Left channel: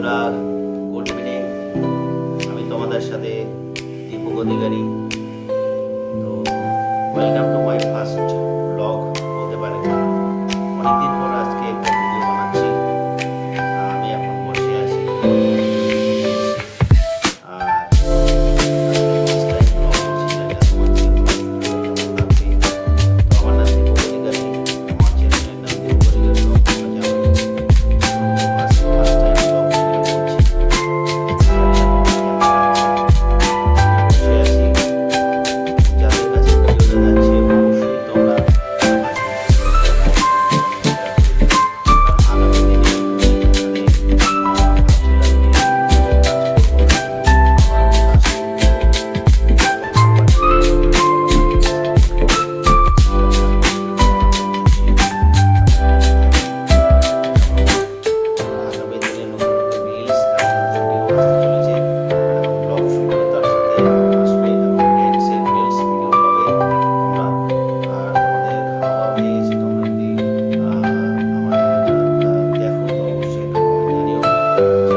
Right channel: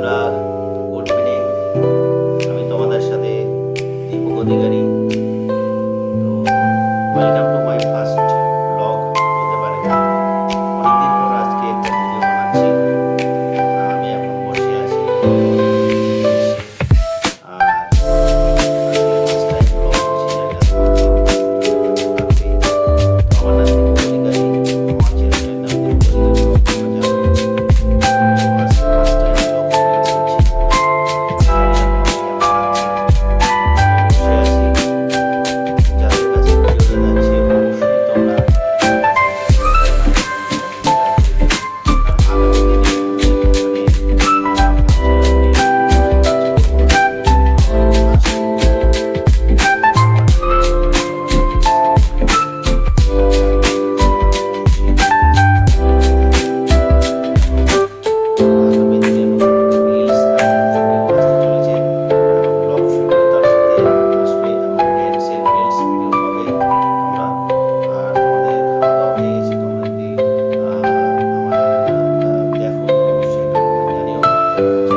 বন্ধুরা, good evening. আমি তোমাদের সাথে দীপক অধিকারী। তো welcome to my first blog বলতে পারেন। অনেকদিন পর আজকে একটা ভিডিও বানাচ্ছি। আমি এখন বসে আছি, আর আজকে ফার্স্ট টাইম ব্লগ করছি। জানি না তোমাদের কেমন লাগবে। তো আমার নাম দীপক অধিকারী, আমার চ্যানেলের নাম দীপক অধিকারী ব্লগ, তোমরা জানোই। তো আজকে ফার্স্ট টাইম ব্লগ ভিডিও করছি। জানি না তোমাদের কেমন লাগছে। আমি বসে আছি, যাদের কাছে ভিডিওটা যাচ্ছে অবশ্যই তোমরা আমার ভিডিওটা লাইক কমেন্ট শেয়ার করে দেবে। কারণ আগামী দিনে আমি এখানে ভাবছিলাম যে ইউটিউবে কাজ করবো না, কিন্তু আমারও কাজ করবো। আমার চ্যানেলের সাথে তোমরা আমাকে সাপোর্ট করো, যাতে আমি ভিডিওটা বানাতে খুশি এবং আগামী দিনে নতুন নতুন রিলস এবং ভিডিও আসতে চলেছে, এবং ব্লগ ভিডিও তার সাথে আসবে, এবং ড্যান্সের রিলস ভিডিও পাবে তোমরা। আর তোমাদের খাওয়া দাওয়া হয়ে গেছে, তোমরা যদি আমার ভিডিওটা দেখো তো অবশ্যই একটা কমেন্ট জানিও যে